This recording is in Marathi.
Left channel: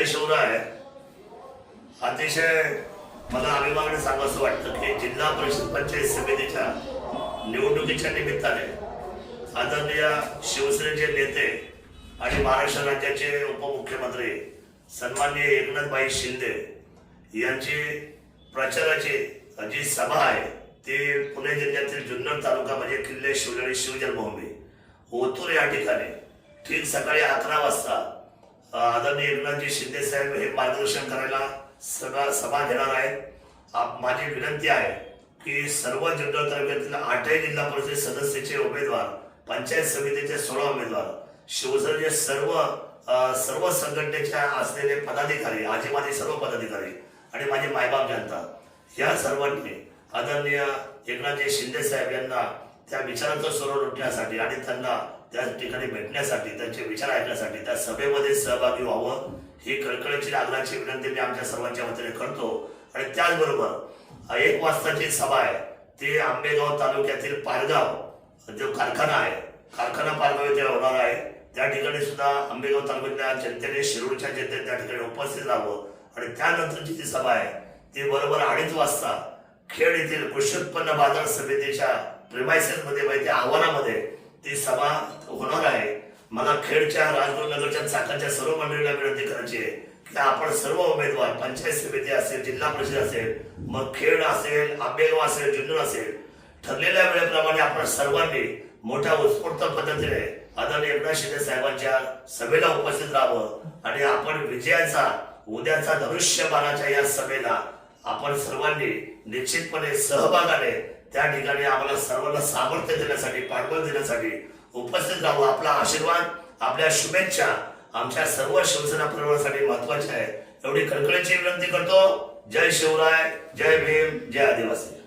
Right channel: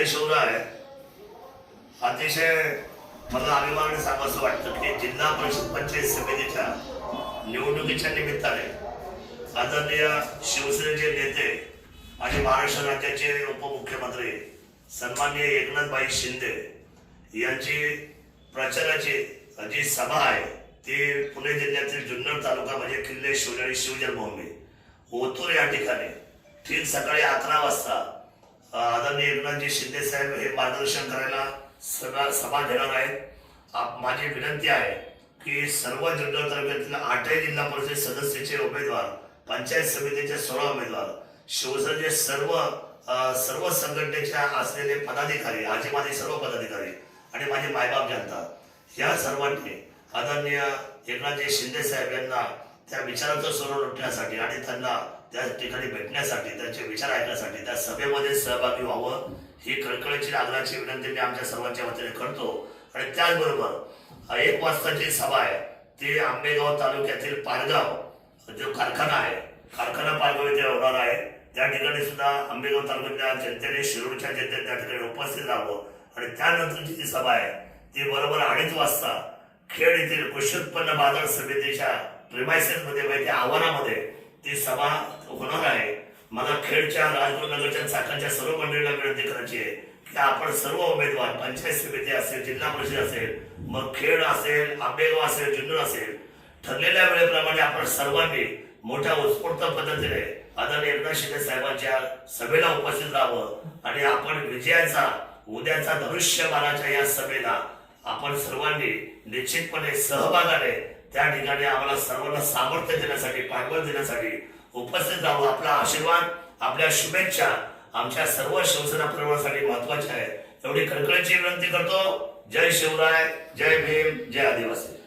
जय शिवराय. अतिशय मला अभिमानाने सांगावंसं वाटतं की जिल्हा परिषद पंचायत समितीच्या निवडणुकीच्या निमित्ताने आदरणीय शिवसेनेचे नेते आणि महाराष्ट्र राज्याचे उपमुख्यमंत्री सन्माननीय एकनाथभाई शिंदे यांची प्रचाराची जी सभा आहे ती पुणे जिल्ह्यातील जुन्नर तालुका म्हणजे किल्ले शिवजरी शिवजन्मभूमी ओतूर या ठिकाणी ठीक सकाळी 11 वाजता आदरणीय एकनाथजी शिंदे साहेब हे मार्गदर्शन करायला सभा घेणार आहेत. माझी विनंती आहे की सर्व जुन्नर तालुक्यातील 8 जिल्हा परिषद सदस्याचे उमेदवार, पंचायत समितीचे 16 उमेदवार, शिवसेनेचे सर्व संघटनेच्या असलेले पदाधिकारी, आजीमाजी सर्व पदाधिकारी आणि माझे मायबाप जनता या सर्वांनी आदरणीय एकनाथजी शिंदे साहेब यांना त्या विचारांचं स्वर लुटण्यासाठी आणि त्यांना त्या ठिकाणी भेटण्यासाठी, त्यांचे विचार ऐकण्यासाठी त्या सभेमध्ये सहभागी व्हावं ही कळकळीची आग्रहाची विनंती मी आमच्या सर्वांच्या वतीने करतो. आणि त्याचबरोबर 1 वाजताची सभा आहे ती आंबेगाव तालुक्यातील पारगाव जो कारखाना आहे, कारखाना पारगाव इथे होणार आहे. त्या ठिकाणी सुद्धा आंबेगाव तालुक्यातल्या जनतेने, शिरूरच्या जनतेने त्या ठिकाणी उपस्थित राहावं. आणि त्यानंतरची जी सभा आहे ती बरोबर 2:30 वाजता खेड येथील कृषी उत्पन्न बाजार समितीच्या प्रिमायसेस मध्ये, त्या आव्हानामध्ये ती सभा होणार आहे. मला खेडच्या, राजगुरुनगरच्या, चाकणच्या सर्व मंडळीला विनंती करायची आहे की आपण सर्व उमेदवार, पंचायत समिती असेल, जिल्हा परिषद असेल, मग खेड असेल, आंबेगाव असेल, जुन्नर असेल, ठरलेल्या वेळेप्रमाणे आपण सर्वांनी मोठ्या उत्स्फूर्त पद्धतीने आदरणीय एकनाथ शिंदे साहेबांच्या सभेला उपस्थित राहावं. आणि आपण विजयाचा, उद्याचा धनुष्यबाणाच्या या सभेला आपण सर्वांनी निश्चितपणे सहभागाने त्या ठिकाणी आम्हाला सर्वांना सामर्थ्य देण्यासाठी, पाठबळ देण्यासाठी उपस्थित राहावं. आपला आशीर्वाद, आपल्या शुभेच्छा आमच्या सर्व शिवसेना परिवारासाठी महत्वाच्या आहे एवढी कळकळीची विनंती करतो. जय शिवराय, जय भीम, जय आदिवासी.